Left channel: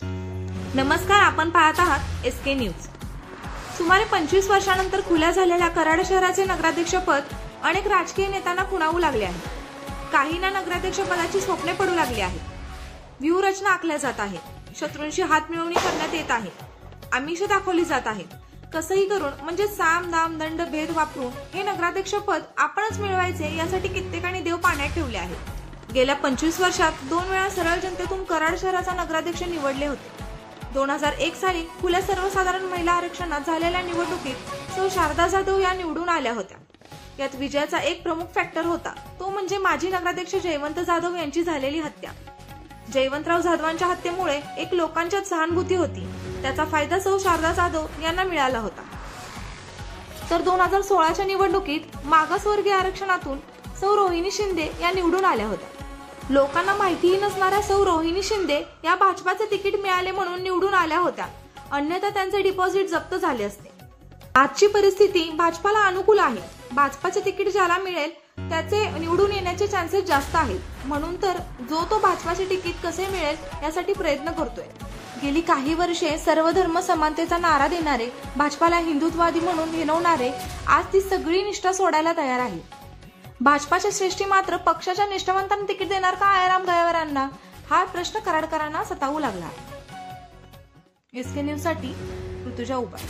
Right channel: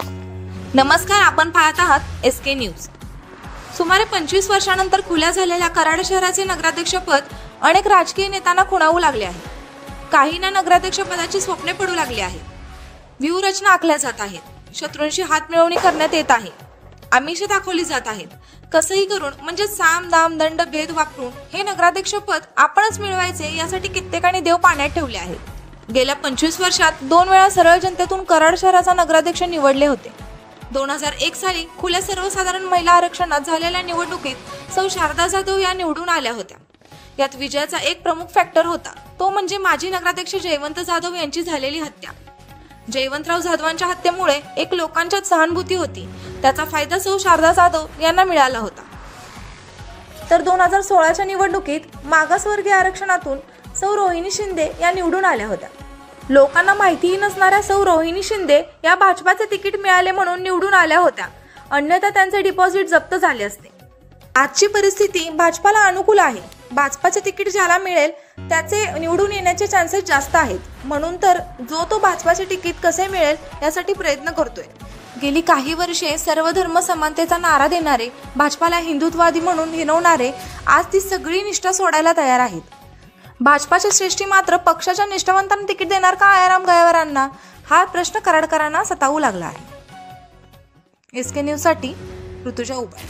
नमस्कार, आपण पाहत आहात SK न्यूज। सुमारे 25 वर्षांनंतर खुल्या झालेल्या कराड शहराचे नगराध्यक्षपद अनेक राजकीय नेत्यांना खुणावू लागले आहे। काहींना नगराध्यक्षपदाची स्वप्ने पडू लागली आहेत। व्यूहरचना आखल्या जात आहेत। शत्रूंशी हात मिळवणी करण्यात येत आहे। आमिष दाखवली जात आहेत। कसंही करून म्हणजे साम दाम दंड भेद वापरून हे नगराध्यक्षपद आपणच मिळवायचे यासाठी कित्येकांनी देव पाण्यात ठेवले आहे। गेल्या 25 वर्षात 2 वेळा सरळ जनतेतून कराड शहराचा नगराध्यक्ष निवडले होते। 2001 साली खुल्या सर्वसाधारण महिला आरक्षणात झालेल्या निवडणुकीत सौ शारदा जाधव या निवडून आल्या होत्या। यात विजयाचा एक प्रमुख फॅक्टर होता, तो म्हणजे माजी नगराध्यक्ष जयवंत जाधव यांची झालेली हत्या। जयवंतराव जाधवांच्या हत्येमुळे एक लोकांच्यात सहानुभूती होती, त्याचा फायदा सौ शारदा जाधव यांना मिळाला होता। तर 2016च्या निवडणुकीत मागासवर्गीय आरक्षणातून सौ रोहिणी शिंदे या निवडून आल्या होत्या। लोकांना माहितीही नसणाऱ्या सौ रोहिणी शिंदे या भाजपाचे तिकीट मिळाले म्हणून निवडून आल्या होत्या, अन्यथा त्यांचे डिपॉझिट जप्त झाले असते। आजची परिस्थिती भाजपाला अनुकूल आहे। भाजपाचे तिकीट ज्याला मिळेल त्याचे निवडून येण्याचे चान्सेस जास्त आहेत, म्हणून तर जो तो भाजपाचे तिकीट कसे मिळेल यासाठी प्रयत्न करतोय। गेली काही वर्षे सर्व धर्म समानतेचा नारा देणारे, भाजपाला हिंदुत्ववादी म्हणून हिणवणारे आज ती सगळी निष्ठा सोडायला तयार आहेत। भाजपाच्या श्रेष्ठी मात्र पक्षाच्या निष्ठावंतांना तिकीट देणार का आयाराम गायकवाडांना, हा प्रश्न कराडकरांना सतावू लागला आहे। SK न्यूज साठी ऋतुजा उबाळे।